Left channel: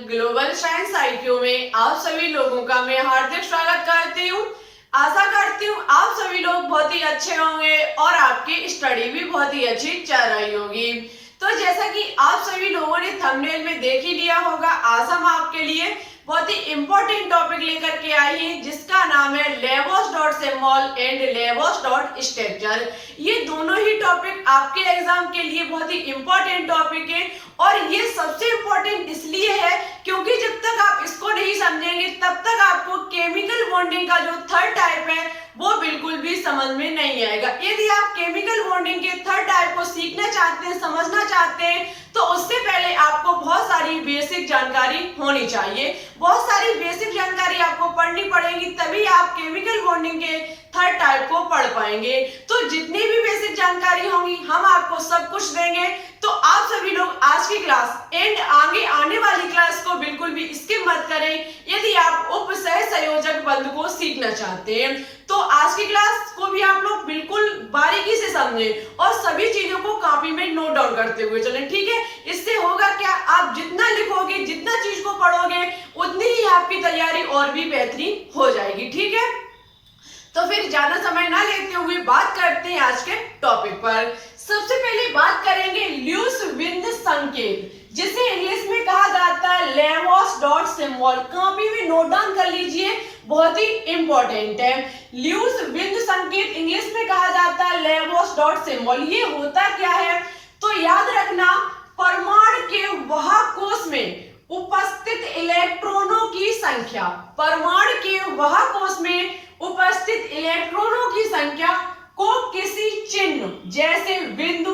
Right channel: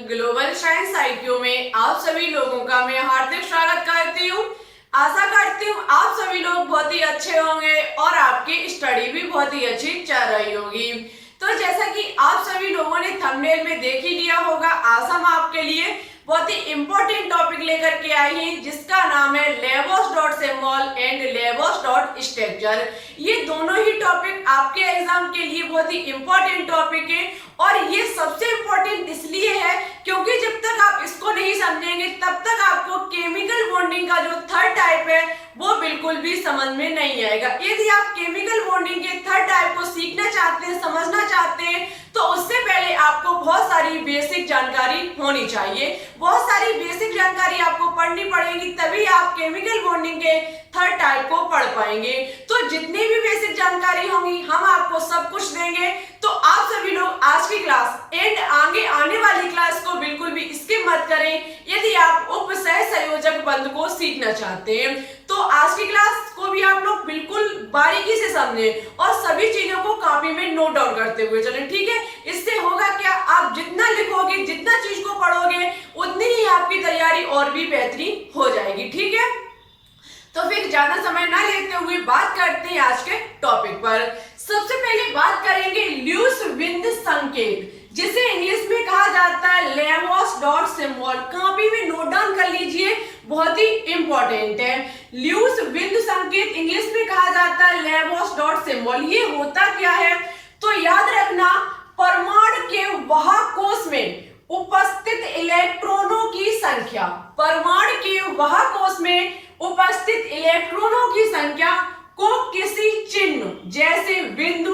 Global science IQ में आप सभी लोगों का मैं हार्दिक स्वागत करती हूँ। आशा करती हूँ आप सभी लोग बहुत ही अच्छे होंगे और आपकी स्टडी भी बहुत ही अच्छी चल रही होगी। तो जैसा कि आप सभी लोगों ने थंबनेल में देख ही लिया होगा, आज हम आपके लिए बहुत ही इंपॉर्टेंट टॉपिक लेकर के आई हैं जिसका नाम है लेबोस.सिंबल एंड लेबोस.स्ट्रक्चर। ये दोनों ही टॉपिक आपके एग्जाम के लिए बहुत ही इंपॉर्टेंट टॉपिक है और ये सबसे इंपॉर्टेंट इसलिए है क्योंकि जब तक आप इसको नहीं समझेंगे तब तक आपको केमिकल बॉन्डिंग का जो थर्ड टाइप है वो बिल्कुल भी समझ में नहीं आएगा। यदि आप केमिकल बॉन्डिंग के थर्ड टाइप को सीखना चाहते हैं, समझना चाहते हैं, तो उससे पहले आपको बहुत सारी बेसिक जानकारी होनी चाहिए। बहुत सारी बेसिक जानकारी आपको पढ़नी पड़ेगी, तभी आप केमिकल बॉन्डिंग के थर्ड टाइप को पढ़ पाएंगे। तो जितनी भी बेसिक जानकारी होगी हम आपको सब कुछ देंगे। तो आप सभी लोग आज की क्लास एंड आगे आने वाली क्लास को बिल्कुल भी स्किप मत करें यदि आप उप सह संयोजक बंध को सीखना चाहते हैं। तो आज की क्लास को भी आप लोग बिल्कुल बारीकी से समझें और सभी चीजों को कॉपी में नोट डाउन करते हुए चलें, ठीक है। इससे होगा क्या, आप जितना लिखोगे, जितना चीज को पढ़ोगे, उतनी ही आपकी तैयारी और भी बेहतरीन हो जाएगी, ठीक है। तो फिर ज्यादा समय ना लेते हुए बात करते हैं आज के टॉपिक पर। सबसे पहले बात करेंगे ल्यूस विंद संकेत, जिसे इंग्लिश में कहा जाता है लेबोस.सिंबल। कॉपी में नोट डाउन कर लीजिए, बहुत ही इंपॉर्टेंट है। ल्यूस विंद संकेत इंग्लिश में कहा जाता है लेबोस.सिंबल। ये होता क्या है तो याद रखना, परमाणु के वाहक कोश में उपस्थित इलेक्ट्रॉनों की संख्या, परमाणु के वाहक कोश में उपस्थित इलेक्ट्रॉनों की संख्या को किसी चिन्ह जैसे बिंदु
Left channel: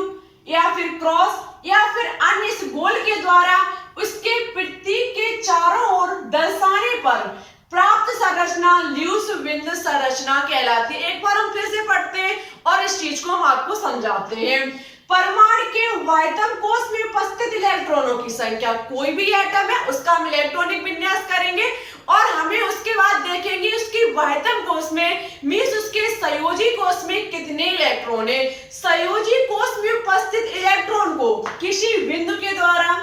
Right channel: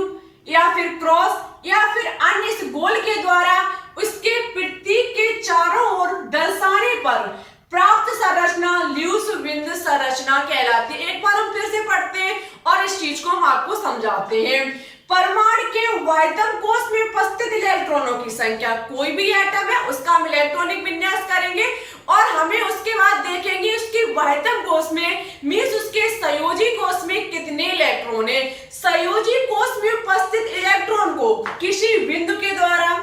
या फिर क्रॉस या फिर अन्य इस गोल के द्वारा उसके प्रतीक के चारों ओर दर्शाने पर प्राप्त संरचना ल्यूस विंद संरचना कहलाती है। एक बार हम फिर से पढ़ते हैं और इस चीज को हम आपको समझाते हैं। परमाणु के वायतम कोश में उपस्थित इलेक्ट्रॉनों की संख्या, कोई भी एटम है उसका हम इलेक्ट्रॉनिक विन्यास करेंगे और हमें उसके बाद देखेंगे उसकी वायतम कोश में मींस उसके संयोजी कोश में कितने इलेक्ट्रॉन है। संयोजी कोश में उपस्थित इलेक्ट्रॉन को किसी बिंदु के द्वारा,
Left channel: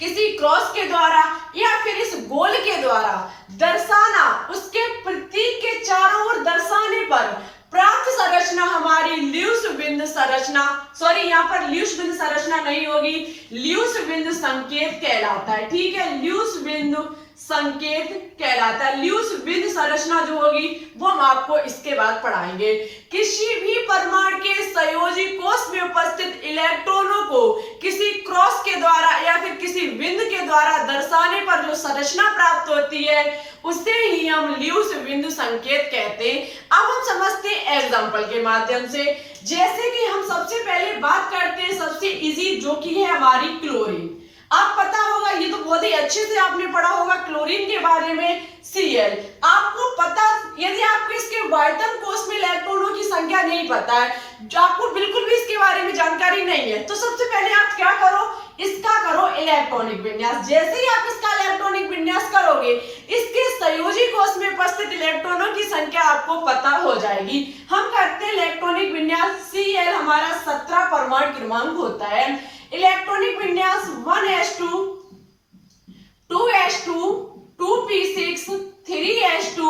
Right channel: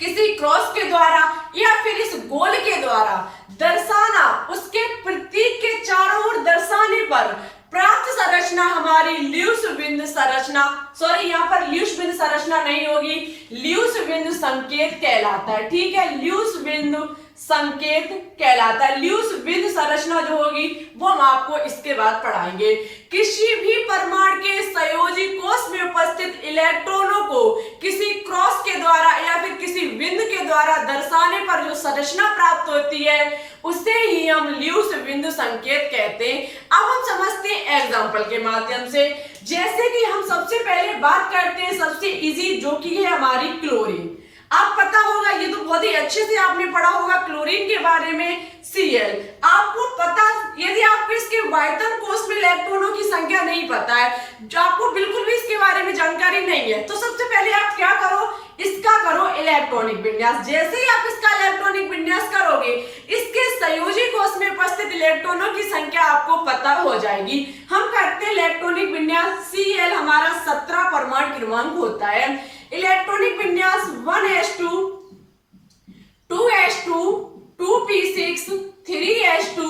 किसी क्रॉस के द्वारा या फिर इस गोल के द्वारा दर्शाना, उसके प्रतीक के चारों ओर दर्शाने पर प्राप्त संरचना हमारी ल्यूस विंद संरचना, सॉरी यहाँ पर ल्यूस विंद संरचना नहीं होगी, ल्यूस विंद संकेत कहलाता है, ठीक है। ल्यूस विंद संकेत कहलाता है। ल्यूस विंद संरचना जो होगी वो हम आपको इसके बाद पढ़ाएंगे। किसी भी परमाणु के संयोजी कोश में उपस्थित इलेक्ट्रॉनों को किसी क्रॉस के द्वारा या फिर किसी बिंदु के द्वारा दर्शाने पर जो संरचना प्राप्त होती है उसे ही हम ल्यूस विंद संकेत कहते हैं। अब हम समझते हैं एग्जाम्पल के माध्यम से। जैसे कि हम सबसे पहले बात करते हैं सबसे इजी, जो कि है हमारी क्लोरीन। आप पता होगा, ये तो बहुत ही अच्छे से आपने पढ़ा होगा क्लोरीन के बारे में, Cl। आपको पता, यदि आपको इसके वायतम कोश में इलेक्ट्रॉनों की संख्या नहीं पता है, जो आपको बिल्कुल भी इसके बारे में जानकारी नहीं है, तो सबसे पहले आप क्या करो, इसका करो इलेक्ट्रॉनिक विन्यास। जैसे ही आप इसका इलेक्ट्रॉनिक विन्यास करोगे, इसके संयोजी कोश में उपस्थित इलेक्ट्रॉनों की संख्या आपको पता हो जाएगी। हम करते हैं इलेक्ट्रॉनिक विन्यास। Cl हमारा 17 परमाणु क्रमांक होता है। इलेक्ट्रॉनिक विन्यास 1s2, 2s2, 2p6, 3s2,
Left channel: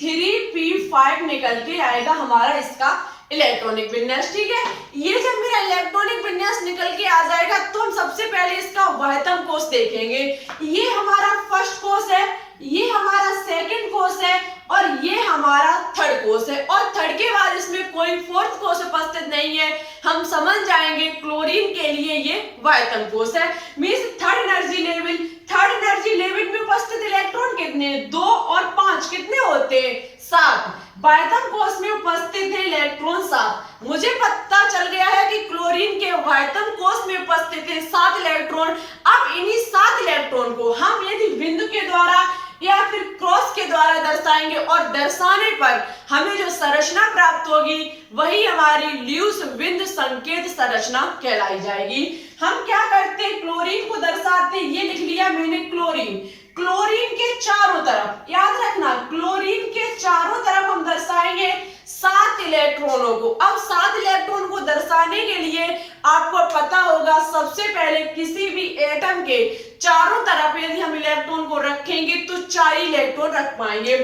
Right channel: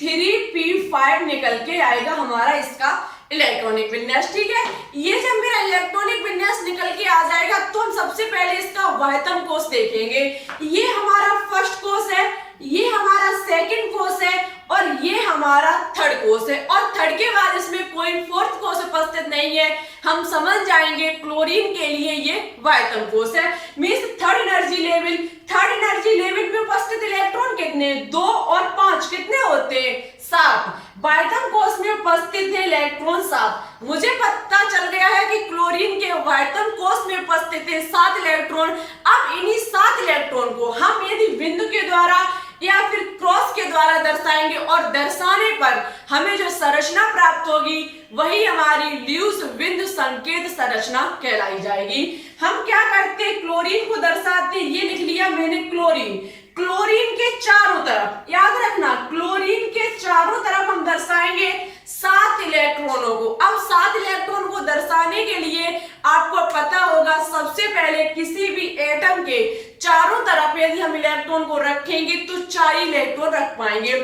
3p5 निकल के आएगा हमारा इसका इलेक्ट्रॉनिक विन्यास, ठीक है। ये जब मेरा इलेक्ट्रॉनिक विन्यास निकल के आ जाएगा तो हम सबसे पहले इसका वायतम कोश देखेंगे। ये हमारा फर्स्ट कोश है, ये हमारा सेकंड कोश है और ये हमारा थर्ड कोश है और थर्ड के बाद इसमें कोई फोर्थ कोश उपस्थित नहीं है। हम समझ जाएंगे क्लोरीन के लिए ये वायतम कोश है। Means third energy level, third energy level में उपस्थित इलेक्ट्रॉन कितने, 2 और 5 कितने होते हैं, 7। वायतम कोश में उपस्थित है इलेक्ट्रॉन 7। मुझे पता चल गया है कि क्लोरीन के वायतम कोश में उपस्थित है 7 इलेक्ट्रॉन। अब इन्हीं 7 इलेक्ट्रॉन को हम यदि बिंदु के द्वारा या फिर क्रॉस के द्वारा दर्शाएंगे और दर्शाने पर हमें जो संरचना प्राप्त होगी वही हमारी ल्यूस विंद संकेत संरचना कहलाई जाएगी। हम क्या करते हैं, क्लोरीन को दर्शाते हैं, ये लिख लिया मैंने क्लोरीन। क्लोरीन के चारों तरफ, याद रखना, क्लोरीन के चारों तरफ हम दर्शाएंगे 7 इलेक्ट्रॉनों को। अब 7 इलेक्ट्रॉन को दर्शाने के लिए आपको पता होगा सबसे पहले किसी भी एटम के चारों तरफ पे यदि हम इलेक्ट्रॉन को रखेंगे तो 4 इलेक्ट्रॉन रख पाएंगे।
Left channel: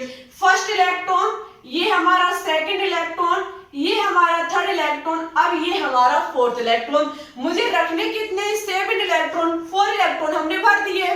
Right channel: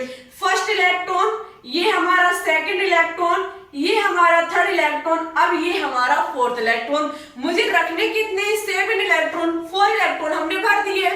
फर्स्ट इलेक्ट्रॉन, ये हमारा सेकंड इलेक्ट्रॉन, ये हमारा थर्ड इलेक्ट्रॉन, अब ये हमारा फोर्थ इलेक्ट्रॉन। मुझे रखने कितने? 7 इलेक्ट्रॉन, 4 इलेक्ट्रॉन हमने भर दिए।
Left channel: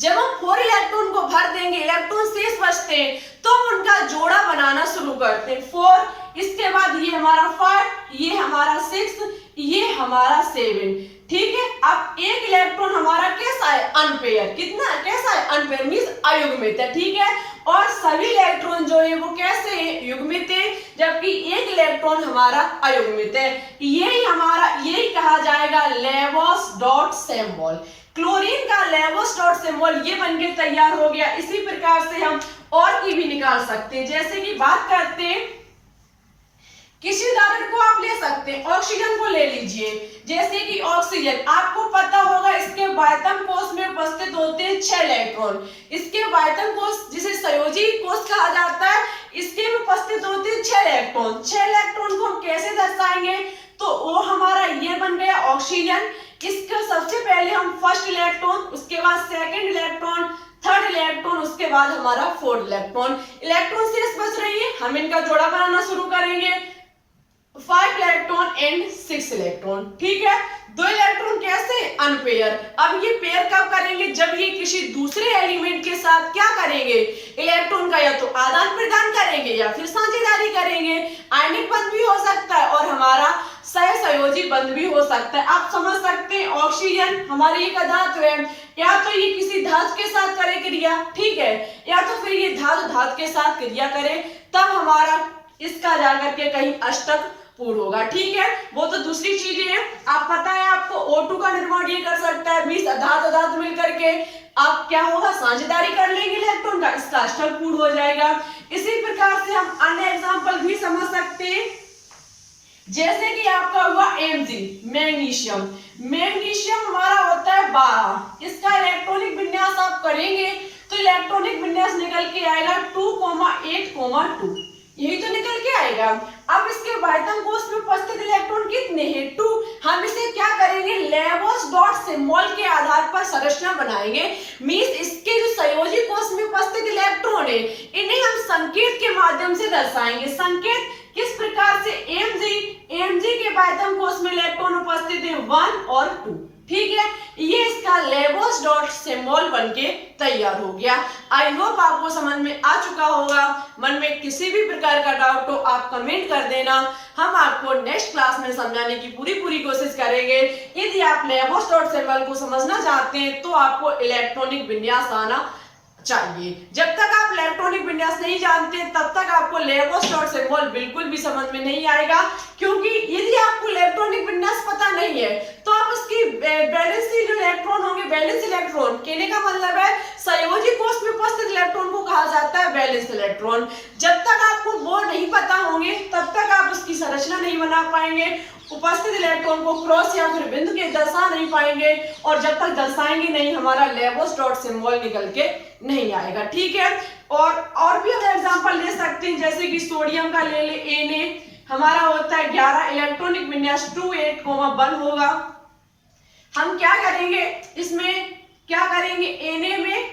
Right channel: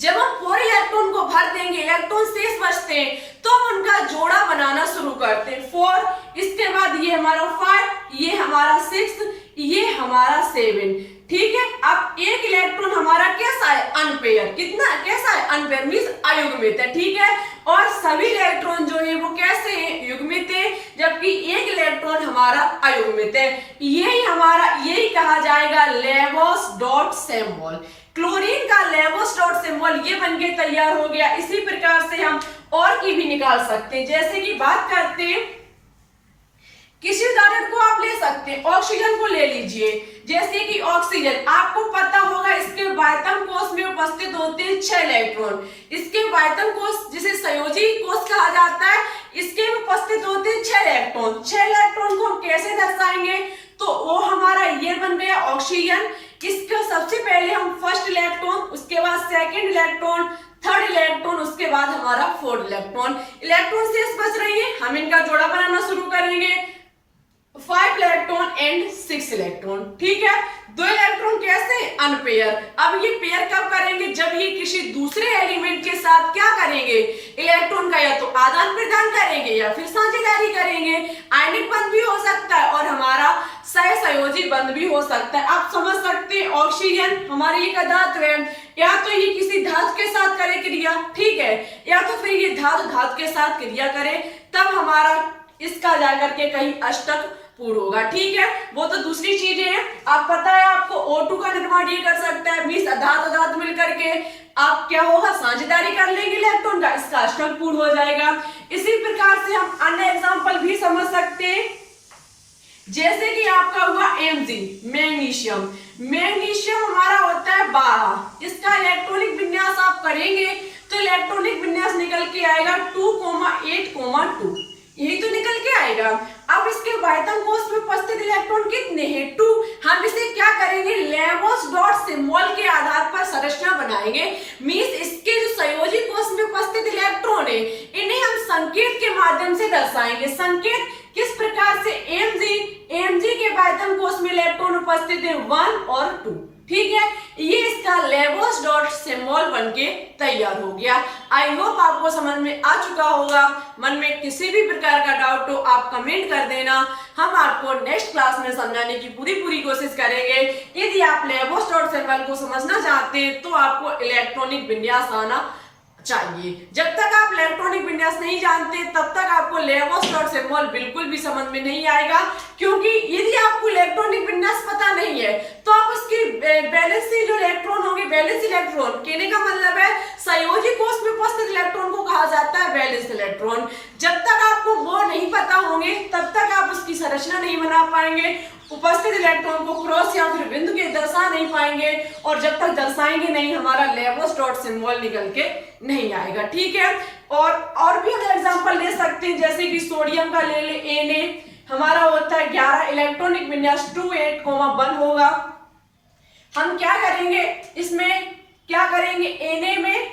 जब हम 4 इलेक्ट्रॉन को भर देंगे, इलेक्ट्रॉन शेष बचते हैं, तो हम उनका जोड़ा बनाना शुरू करते हैं। 4, इसके बाद ये हमारा 5, ये हमारा 6, ये हमारा 7। ठीक है, अब एक इलेक्ट्रॉन हमारा कैसा है? अनपेयर। कितना कैसा है? अनपेयर मींस अयुग्मित है। ठीक है, और सभी इलेक्ट्रॉन जो है वो कैसे हैं? युग्मित है, जबकि एक इलेक्ट्रॉन हमारा अयुग्मित है। यही कहा जाएगा लेबोस डॉट सिंबल। क्लोरीन का लेबोस डॉट सिंबल ये बनके तैयार हो गया। इसी प्रकार से हम और की भी निकाल सकते हैं। जैसे कि बात करते हैं, किसी उदाहरण को आप ले सकते हैं, ऑक्सीजन को ले लीजिए। जैसे कि ऑक्सीजन, आपको पता होगा इसके वायतम कोश में उपस्थित होते हैं 6 इलेक्ट्रॉन। इसके वायतम कोश जिसे संयोजी कोश कहा जाता है, इसके में उपस्थित होते हैं 6 इलेक्ट्रॉन। 6 इलेक्ट्रॉन को हम कैसे दर्शाएंगे? तो वो हमारा ये बन गया ऑक्सीजन। इसको सबसे पहले हम फर्स्ट इलेक्ट्रॉन, उसके बाद सेकंड इलेक्ट्रॉन, थर्ड इलेक्ट्रॉन, उसके बाद हमारा फोर्थ इलेक्ट्रॉन। इलेक्ट्रॉन शेष बच रही है, हम इनका जोड़ा बनाना शुरू करेंगे। 5 इलेक्ट्रॉन एंड 6 इलेक्ट्रॉन। ठीक है, 2 इलेक्ट्रॉन कैसे? अनपेयर। अब ये पेयर कब करेंगे? जब ये किसी दूसरे एलिमेंट के साथ क्या करेंगे? इलेक्ट्रॉन का या तो आदान प्रदान करेंगे या फिर साझेदारी करेंगे। आयनिक बंध भी हो सकता है और हमारा सहसंयोजी बंध भी हो सकता है। आप समझ सकते हैं, ऑक्सीजन हमारी एक धातु है, या तो ये किसी धातु के साथ करे क्रिया, ठीक है, या तो फिर ये धातु के साथ क्रिया करे, तब हमारा इसका जाकर के कहीं अष्टक पूर्ण होगा। ठीक है, वो तो दूसरी चीजें हैं। आप पता है आपको O2 का निर्माण ये कर सकता है, 20 धातु मिलकर के आप क्या होगा? साझेदारी कर लेंगे इलेक्ट्रॉन का, इसका अष्टक पूर्ण हो जाएगा। इसी प्रकार से हम अन्य एग्जांपल भी समझ सकते हैं। जैसे कि आपका हुआ Mg, मैग्नीशियम। मैग्नीशियम हमारा होता है 12। इसका इलेक्ट्रॉनिक विन्यास आप करेंगे तो इलेक्ट्रॉनिक विन्यास निकल के आएगा 2,8,2। यही तो निकल के आएगा। अब इसके वायतम कोश में उपस्थित इलेक्ट्रॉन कितने हैं? 2। हम इसे क्या करेंगे? लेबोस डॉट सिंबल के आधार पर संरचना बनाएंगे। मींस इसके जो संयोजी कोश में उपस्थित इलेक्ट्रॉन है, इन्हें हम संकेत के माध्यम से दर्शाएंगे। संकेत किस प्रकार से? Mg के वायतम कोश में इलेक्ट्रॉन उपस्थित है 1 और 2। ठीक है, ये इसका लेबोस डॉट सिंबल बनके तैयार हो गया। आई होप आपको समझ में आ चुका होगा। मन में किसी भी प्रकार का डाउट हो आप कमेंट कर देना, हम आपको नेक्स्ट क्लास में समझाने की पूरी कोशिश करेंगे। यदि आप लेबोस डॉट सिंबल को समझना चाहते हैं तो आपको इलेक्ट्रॉनिक विन्यास आना चाहिए। जब तक आप इलेक्ट्रॉनिक विन्यास नहीं जानते तब तक आपको लेबोस डॉट सिंबल बिल्कुल भी समझ में नहीं आएगा, क्योंकि यदि आपको इलेक्ट्रॉनिक विन्यास पता नहीं है तो आप उसकी बैलेंसी जो इलेक्ट्रॉन होंगे, बैलेंस इलेक्ट्रॉन, कहने का मतलब है संयोजी कोश में उपस्थित इलेक्ट्रॉन को कहा जाता है बैलेंस इलेक्ट्रॉन। जब तक आपको वो नहीं पता होंगे तब तक आप उसकी संरचना नहीं बना पाएंगे, उपस्थित इलेक्ट्रॉन को क्रॉस या फिर बिंदु के दर्शा नहीं पाएंगे, और जब तक दर्शाएंगे नहीं हमारा लेबोस डॉट सिंबल निकल के नहीं आएगा। ठीक है, और भी हम एग्जांपल ले सकते हैं। जैसे कि सोडियम का ले ले, Na हमारा होता है 11, इलेक्ट्रॉनिक विन्यास 2,8,1 होगा। हम क्या करेंगे? इसमें क्या करेंगे? Na में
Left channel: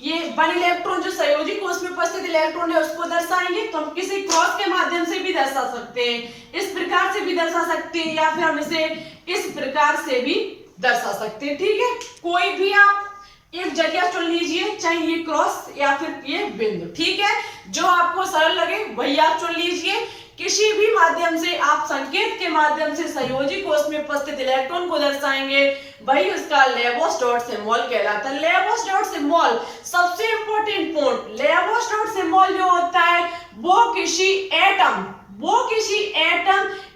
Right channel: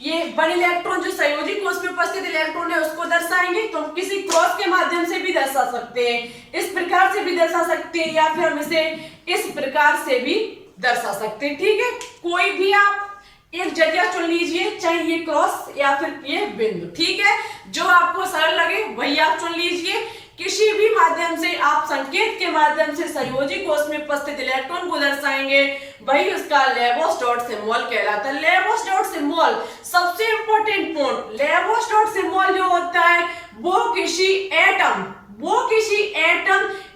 ये 1 इलेक्ट्रॉन जो संयोजी कोश में उपस्थित इलेक्ट्रॉन है उसको दर्शाएंगे, तो हम किसी क्रॉस के माध्यम से भी दर्शा सकते हैं, इस प्रकार से भी दर्शा सकते हैं, या फिर हम इसे इस प्रकार से भी दर्शा सकते हैं। ठीक है, कोई भी आप एक जगह चुन लीजिए, चाहे ये क्रॉस या फिर ये बिंदु। ठीक है, जो आपको सरल लगे वही आप चुन लीजिए। किसी भी माध्यम से आप संकेत के माध्यम से संयोजी कोश में उपस्थित इलेक्ट्रॉन को दर्शाएंगे, वही उसका लेबोस डॉट सिंबल कहलाता है। लेबोस डॉट सिंबल सबसे इंपॉर्टेंट पॉइंट, लेबोस डॉट सिंबल जो होता है वो किसी एटम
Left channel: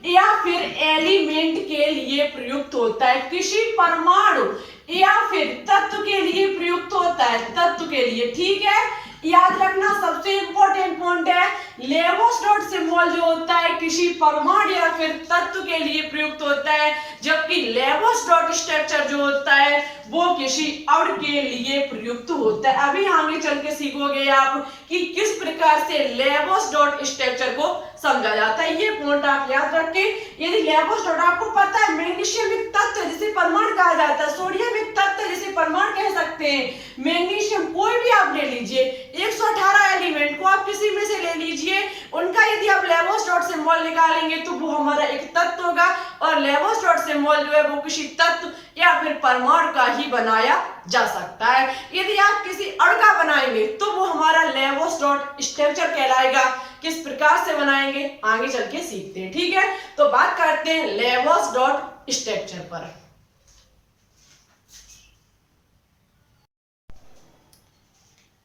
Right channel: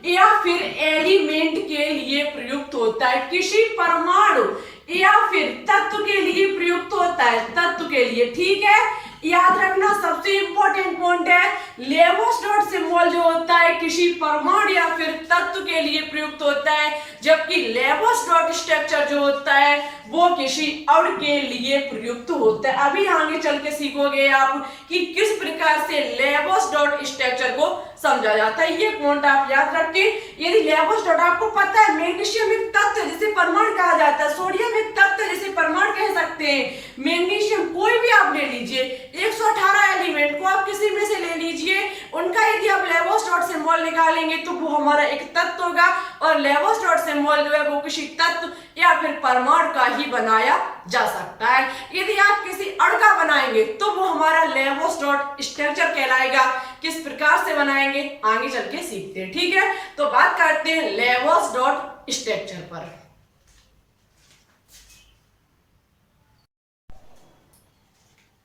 या फिर एलिमेंट के लिए प्रयुक्त होता है, किसी परमाणु या फिर तत्व के लिए प्रयुक्त होता है, तत्व के लिए। ठीक है, याद रखना सबसे इंपॉर्टेंट पॉइंट है, लेबोस डॉट सिंबल जो होता है किसी परमाणु या फिर तत्व के लिए प्रयुक्त होता है, जबकि लेबोस डॉट स्ट्रक्चर जो होता है वो किसी अणु के लिए प्रयुक्त होता है। अभी आगे चल के सीखोगे आप कि किस प्रकार से लेबोस डॉट स्ट्रक्चर को समझा जाता है। ये पॉइंट आप याद रखें। यदि लेबोस डॉट आपको पता है मैग्नीशियम एक तत्व जिसे परमाणु कहा जाता है, सोडियम एक तत्व जिसे परमाणु कह सकते सकते हैं। मैग्नीशियम कोई भी आप ले लीजिए, 118 एलिमेंट को आप किसी में से ले लीजिए, उनका यदि आप लेबोस डॉट सिंबल निकालेंगे तो वो हमारा एक तत्व होगा, और लेबोस डॉट सिंबल जो है वो किसी तत्व या फिर परमाणु का ही बनाया जा सकता है। यदि आप किसी अणु का बनाएंगे तो वो हमारा लेबोस डॉट स्ट्रक्चर कहलाएगा। किस प्रकार से बनाएंगे आगे चल के सीखते हैं, ठीक है। तो बात करते हैं लेबोस डॉट स्ट्रक्चर पर।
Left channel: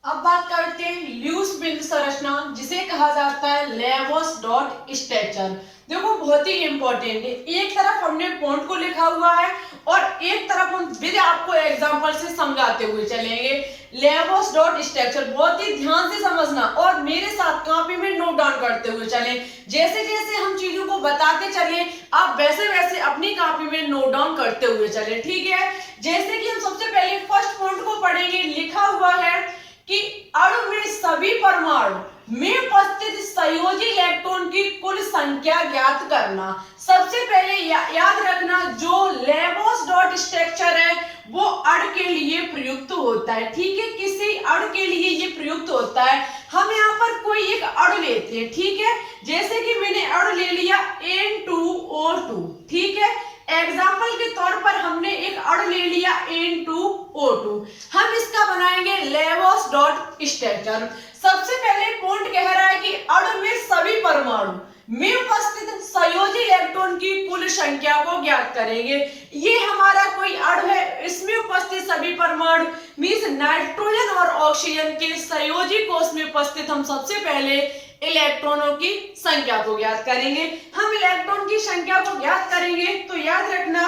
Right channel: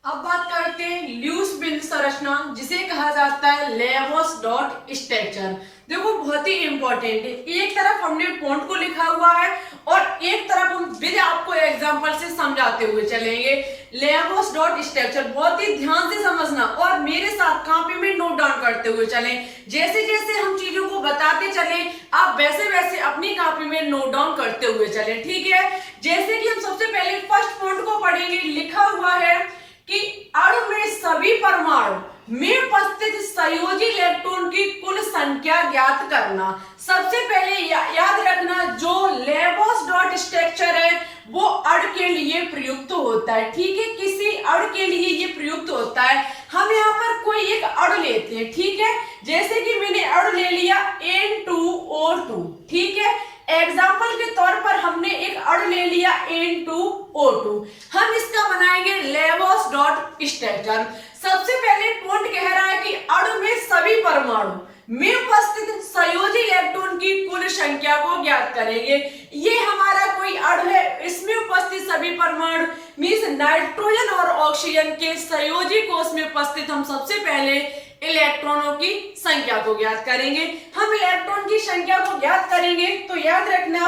अब बात करते हैं ल्यूस बिंदु संरचना, जिसे कहा जाता है लेबोस डॉट स्ट्रक्चर। देखो बहुत ही इंपॉर्टेंट है, एक तरफ हमने पॉइंट को लिखा हुआ है और एक तरफ हम फिर आपको एग्जांपल से समझाते हुए चलेंगे। लेबोस डॉट स्ट्रक्चर बहुत ही ध्यान से समझना और मेरे साथ कॉपी में नोट डाउन करते हुए चलें। जैसे जैसे हम चीजों को बताते चले आप वैसे वैसे अपनी कॉपी में नोट डाउन करते हुए चलें, ठीक है। जैसे कि हम सबसे पहले फर्स्ट पॉइंट को पढ़ेंगे, लिखा हुआ है कि अणु में सभी परमाणु में उपस्थित संयोजी इलेक्ट्रॉन की कुल संख्या ज्ञात करना। सबसे पहले याद रखना जो लेबोस डॉट स्ट्रक्चर है वो अणु के लिए प्रयुक्त होता है, ठीक है। किसी अणु के लिए ये प्रयुक्त होता है। हम यहाँ पर कोई एक अणु लेते हैं, ठीक है। जैसे कि मैंने अणु ले लिया N2O2, ठीक है। एग्जाम्पल के तौर पर हमने एक अणु ले लिया N2O2, हम इसका बनाएंगे लेबोस डॉट स्ट्रक्चर। सबसे पहले पॉइंट कह रहा है कि अणु में सभी परमाणु में उपस्थित संयोजी इलेक्ट्रॉन की कुल संख्या को ज्ञात करेंगे। ये हमारा कोई अणु है, इसमें उपस्थित सभी परमाणु मींस नाइट्रोजन और ऑक्सीजन के संयोजी कोष में उपस्थित हम सबसे पहले इलेक्ट्रॉनों की संख्या को ज्ञात करेंगे। हम इलेक्ट्रॉन की संख्या को ज्ञात करेंगे तो याद रखना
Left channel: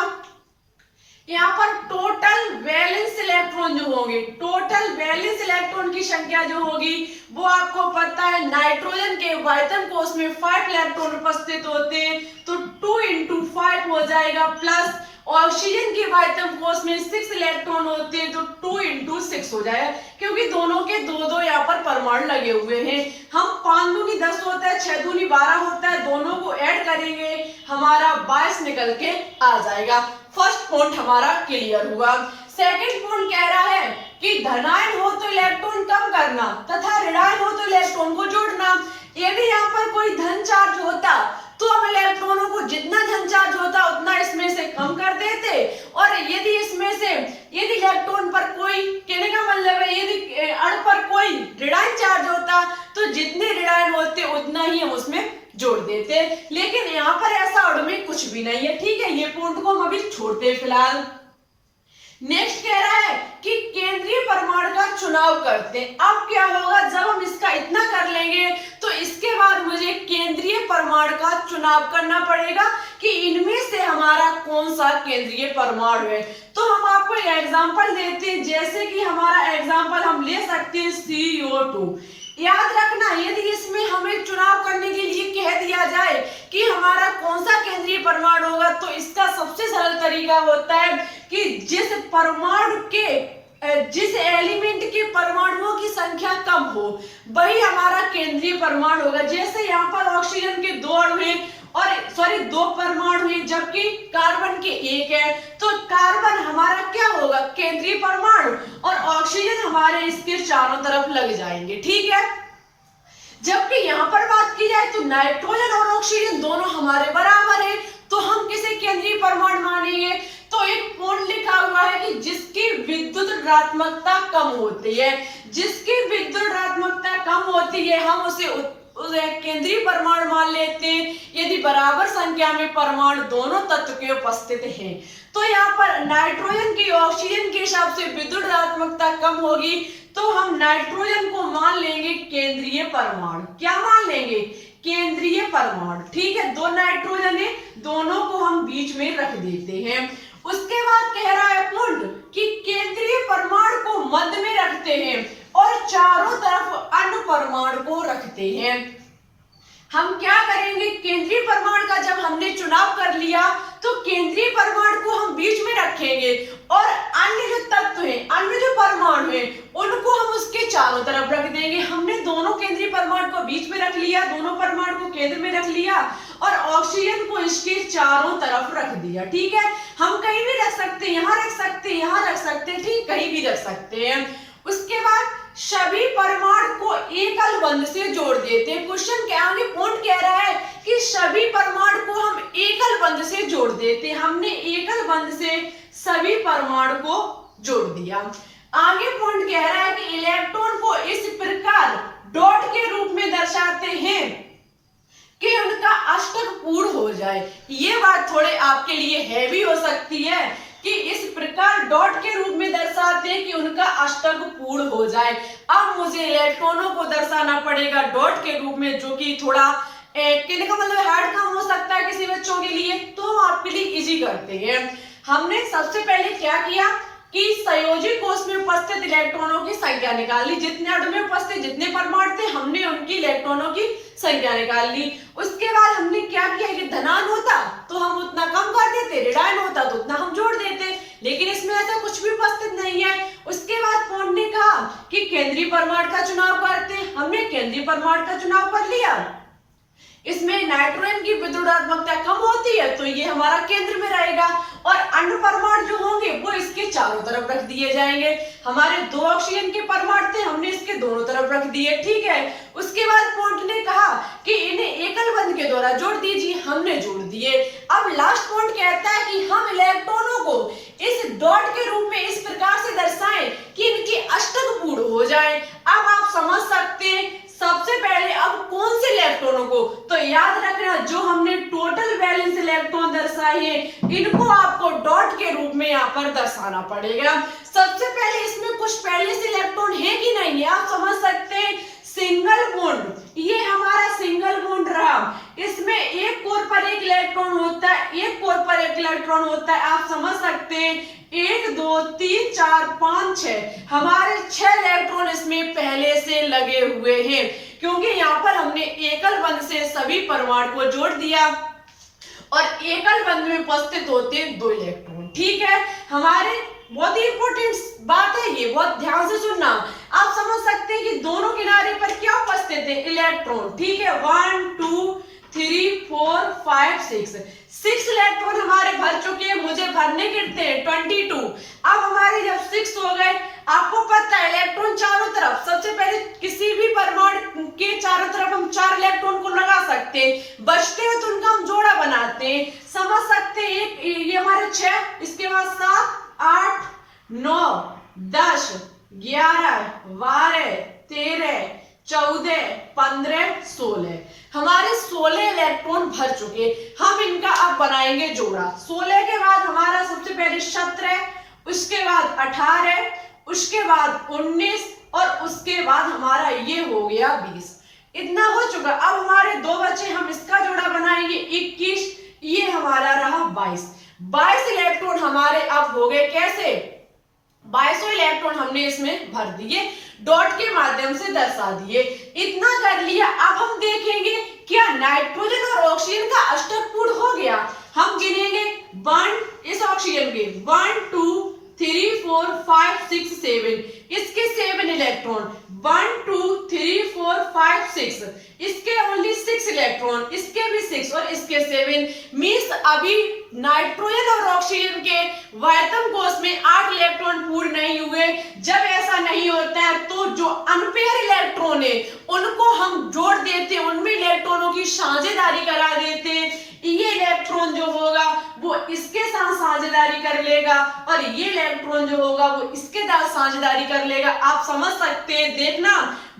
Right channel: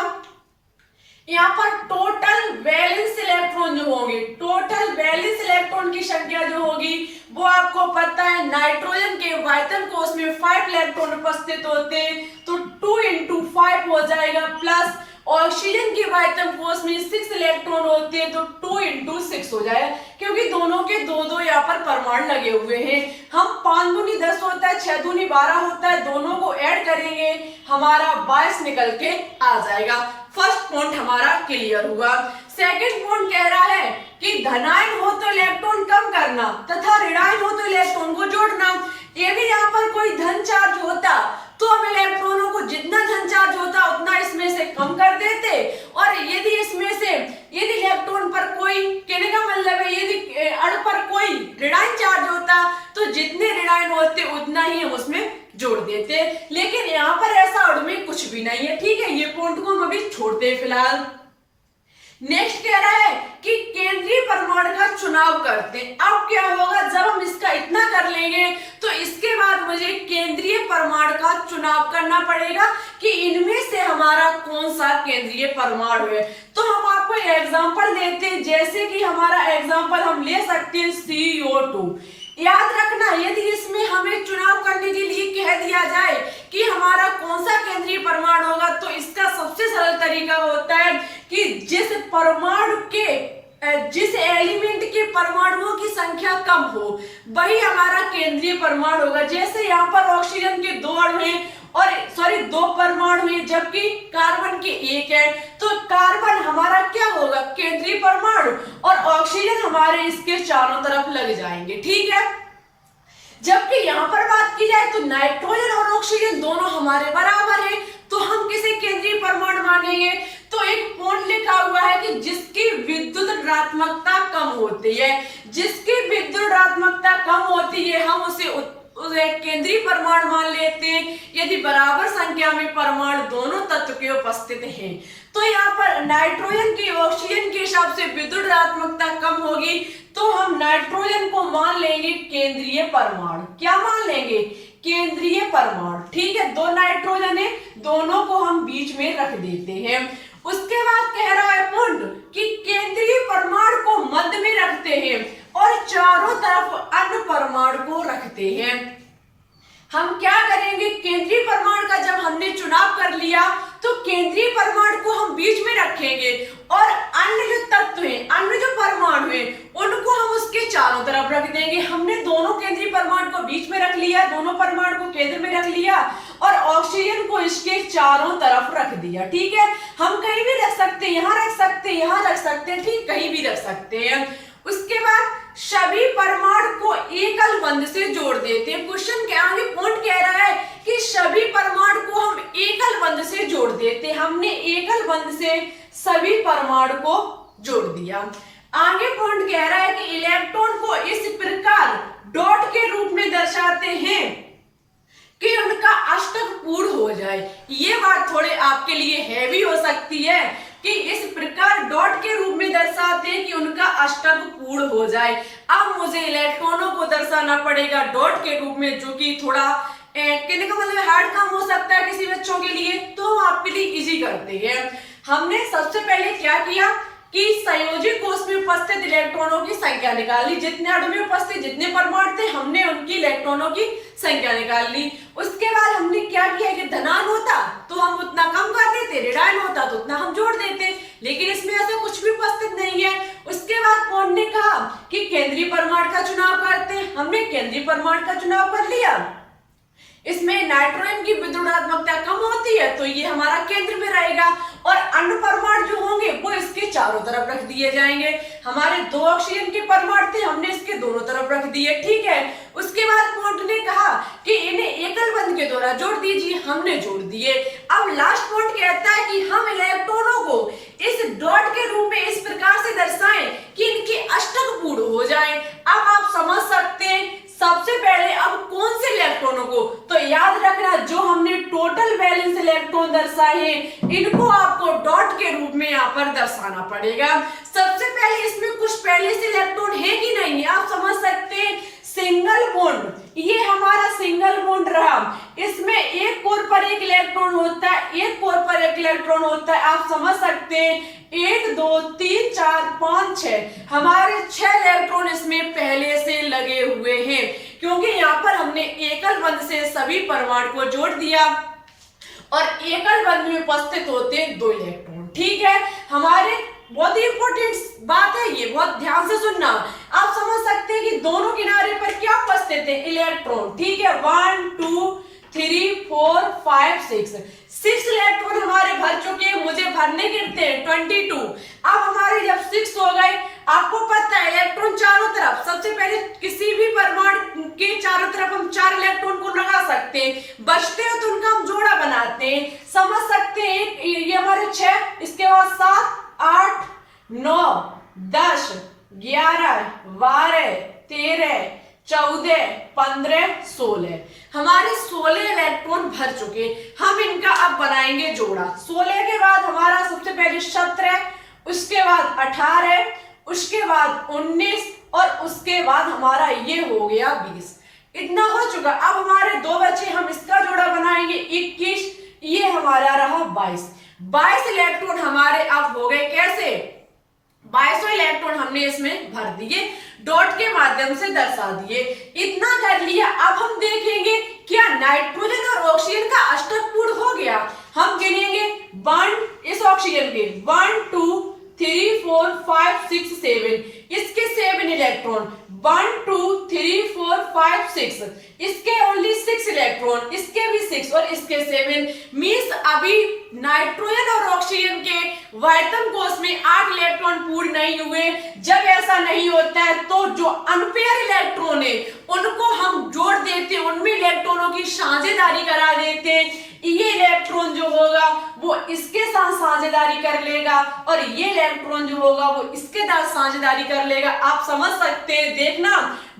यहाँ पर टोटल वैलेंस इलेक्ट्रॉन जो होंगे, टोटल वैलेंस इलेक्ट्रॉन की संख्या जो होगी वो आपको पता है नाइट्रोजन के वायतन कोष में 5 इलेक्ट्रॉन उपस्थित होते हैं तो 2 into 5 हो जाएगा, प्लस ऑक्सीजन के वायतन कोष में 6 इलेक्ट्रॉन होते हैं तो 2 into 6 हो जाएगा, क्योंकि दोनों के दो दो यहाँ पर परमाणु लगे हुए हैं। हम 5 दूनी 10 होता है, 6 दूनी 12 होता है, दोनों को ऐड करेंगे हमारा 22 निकल के आ जाएगा। फर्स्ट पॉइंट हमारा क्लियर हुआ। सेकंड पॉइंट कह रहा है कि धनायन हो तो इलेक्ट्रॉन कम करना तथा ऋणायन हो तो इलेक्ट्रॉन को जोड़ना। यदि यहाँ पर कोई धन चार्ज होता तो हम इलेक्ट्रॉनों को जितना धन चार्ज होता उतना इसमें से कम कर देते, और यदि इसमें से यदि इलेक्ट्रॉन पर कोई, कहने का मतलब है यदि अणु पर कोई ऋणायन चार्ज होता तो जितने ऋणायन होते उतना ही हम उसमें जोड़ देते। लेकिन यहाँ पर ऐसा अणु में कुछ भी नहीं है, ठीक है। ये पॉइंट को हम अभी छोड़ते हैं फिलहाल। नेक्स्ट कह रहा है कि केंद्रीय परमाणु का चुनाव करते हैं। अब क्या होगा, जब हम इसका इतना कर लेंगे तो इसके बाद मुझे केंद्रीय परमाणु का चुनाव करना पड़ेगा कि इनमें से हमारा कौन सा केंद्रीय परमाणु है। तो हम आपको एग्जांपल देते हैं, जैसे कि हमारा एग्जांपल हम ले सकते हैं CO2। याद रखना यदि इसमें हमें चुनाव करने के लिए कह दिया जाए कि हमारा कौन सा केंद्रीय परमाणु होगा तो इसका सबसे सरल तरीका होता है कि जिस परमाणु के जिस एलिमेंट के परमाणुओं की संख्या कम हो वही हमारा केंद्रीय परमाणु होगा। जैसे यहाँ पर ऑक्सीजन के 2 अणु हैं और दो परमाणु हैं जबकि कार्बन के 1 है, तो कार्बन हमारा क्या होगा केंद्रीय परमाणु और ऑक्सीजन हमारे इसके चारों तरफ लग जाएंगे, ठीक है। जबकि यहाँ पर बात की जाए तो नाइट्रोजन और ऑक्सीजन दोनों हमारे बराबर है, तो हम किसे केंद्रीय परमाणु मानेंगे। तो एक पॉइंट लिखा हुआ है कि जिसकी विद्युत ऋणात्मकता कम होती है, जिसकी विद्युत ऋणात्मकता कम होती है हम उसे केंद्रीय परमाणु मान लेते हैं यदि बराबर संख्या में परमाणु दोनों तत्व के उपस्थित हैं। तो यहाँ पर नाइट्रोजन की ऑक्सीजन के हिसाब से विद्युत ऋणात्मकता कम होगी तो हम नाइट्रोजन को मान लेंगे केंद्रीय परमाणु। क्या मान लेंगे, केंद्रीय परमाणु, ठीक है। 2 नाइट्रोजन है, दोनों को हम बीच में रख देते हैं। उसके बाद कह रहा है पॉइंट कि केंद्रीय परमाणु को मध्य में रखते हैं और चारों तरफ अन्य परमाणु को रखते हैं। हम क्या करेंगे, केंद्रीय परमाणु का जब हमने चुनाव कर लिया तो केंद्रीय परमाणु को हम बीच में रखेंगे और अन्य जो तत्व हैं, अन्य जो परमाणु हैं उनको हम उसके चारों तरफ रख देंगे। हमने दोनों केंद्रीय परमाणु को बीच में रख लिया, दोनों परमाणु को केंद्र में रख लिया और ऑक्सीजन को इसके चारों तरफ रख दिया। ठीक है, हम कहीं भी रख सकते हैं, यहाँ रख सकते हैं, यहाँ रख सकते हैं, ठीक, कहीं भी रख सकते हैं। उसके बाद सभी परमाणु को एकल बंध से जोड़ देते हैं। क्वेश्चन के आगे पॉइंट कह रहा है कि सभी परमाणु को हम एकल बंध से जोड़ देते हैं। हमने एकल बंध से सभी परमाणु को जोड़ दिया। आगे पॉइंट कह रहा है कि इलेक्ट्रॉन को इस प्रकार डॉट के रूप में दर्शाते हैं कि उनका अष्टक पूर्ण हो जाए। ये बात थोड़े आपके लिए हैवी हो सकती है कि इस प्रकार डॉट के रूप में दर्शाते हैं कि उनका अष्टक पूर्ण हो जाए। अब मुझे इलेक्ट्रॉनों को दर्शाना पड़ेगा डॉट के रूप में, जो कि थोड़ा कहने का मतलब हार्ड काम हो सकता है किसी बच्चों के लिए, तो हम आपके लिए इजी करते हैं। हमने सबसे पहले क्या किया कि संयोजी कोष में उपस्थित इलेक्ट्रॉनों की संख्या निकाली। जितने अणु में उपस्थित जितने परमाणु थे, हमने उनकी इलेक्ट्रॉनों की संख्या निकाल ली। उसके बाद हमने क्या किया कि धनायन होता तो हम उतना कम कर देते, ऋणायन होता तो उतना हम जोड़ देते, लेकिन इसमें ऐसा कुछ भी उपस्थित नहीं है। उसके बाद पॉइंट ने कहा कि केंद्रीय परमाणु का चुनाव करते, हमने केंद्रीय परमाणु का चुनाव कर लिया। इसमें नाइट्रोजन की विद्युदात्मकता कम होती है तो ये हमारा केंद्र में रहेगा, और अन्य परमाणु जो होंगे वो इसके चारों तरफ रख दिए जाएंगे। हमारे 2 ऑक्सीजन के परमाणु थे, हमने इसके दोनों तरफ रख दिए। ठीक है, उसके बाद पॉइंट ने कहा कि इन्हें एकल बंध के द्वारा जोड़ दीजिए, हमने जोड़ दिए। अब लास्ट पॉइंट कहता है कि हम इलेक्ट्रॉनों को इस डॉट के रूप में इस प्रकार से दर्शाएं कि इनके अष्टक पूर्ण हो जाए। अब आप समझ सकते हैं सबसे पहले अब कौन से इलेक्ट्रॉनों को, तो याद रखना जो हमने टोटल बैलेंस इलेक्ट्रॉन दर्शाए इनको आपको डॉट के रूप में यहाँ पर दर्शाना पड़ेगा। सबसे पहले इसमें कुछ पहले से इलेक्ट्रॉन है कि नहीं है, आप समझ सकते हैं। सिंगल बॉन्ड, ये हमारा सिंगल बॉन्ड रहा, इसमें एक कोर पर एक इलेक्ट्रॉन होता है, एक कोर पर एक इलेक्ट्रॉन होता है। आप समझ सकते हैं 1 2 3 4 5 6 हमारे 6 इलेक्ट्रॉन इसमें पहले से लगे हुए हैं, क्योंकि यहाँ पर हमने एकल बंध से सभी परमाणु को जोड़ दिया और एकल बंध में उपस्थित होते हैं 2 इलेक्ट्रॉन। ठीक है, हमारे बहुत ही इंपॉर्टेंट बात है ये, बहुत ध्यान से सुनना। आप समझ सकते हैं कि दोनों किनारे पर क्या उपस्थित है, इलेक्ट्रॉन। ठीक है, 1 2 3 4 5 6 इलेक्ट्रॉन हमारे भर चुके हैं, मुझे भरने गिरते हैं 22। अब हमारे जब 6 हो गए, आपको पता है इलेक्ट्रॉन चारों तरफ, सबसे पहले किसी भी परमाणु के चारों तरफ हम 4 इलेक्ट्रॉन को लगा सकते हैं, बचते हैं तो उनका हम जोड़ा बनाते हैं। समझ सकते हैं ये हमारे 6, इसके बाद 7 8 9 10 11 12 13 14 15 16 हमारे 16 इलेक्ट्रॉन भर चुके। हम इनका अब बनाएंगे जोड़ा। 16 के बाद हमारा सबसे पहले 17, उसके बाद 18, उसके बाद 19 और उसके बाद हमारा ये हो गया 20। इतना हो चुका। अब हमारे 2 बचे, हम इसका जोड़ा बनाएंगे 21, ये हमारा रहा 22। 22 इलेक्ट्रॉन हमारे अब हो गए कैसे, 22 इलेक्ट्रॉन हमने इसमें भर दिए, डॉट के माध्यम से दर्शा दिए। इतना कर लिया। अब हम देखेंगे क्या नाइट्रोजन और ऑक्सीजन का अष्टक पूर्ण हो गया। हम गिनेंगे 1 इस ऑक्सीजन के 1 2 3 4 5 6 7, इसके 7 इलेक्ट्रॉन, 1 2 3 4 5 6, इसके ओनली 6 इलेक्ट्रॉन, इसके भी 6 और इसके 7। मींस अभी नाइट्रोजन और ऑक्सीजन के वायतम कोष में 8 इलेक्ट्रॉन पूर्ण नहीं हुए। जब ऐसा नहीं होता है तो जो अनपेयर इलेक्ट्रॉन है उनको हम जोड़ देते हैं, उनमें इलेक्ट्रॉनों की साझेदारी करा देते हैं। ये इलेक्ट्रॉन जो होगा वो इसके साथ साझेदारी कर लेगा और ये इलेक्ट्रॉन जो होगा वो इसके साथ साझेदारी कर लेगा। आप समझ सकते हैं, देखना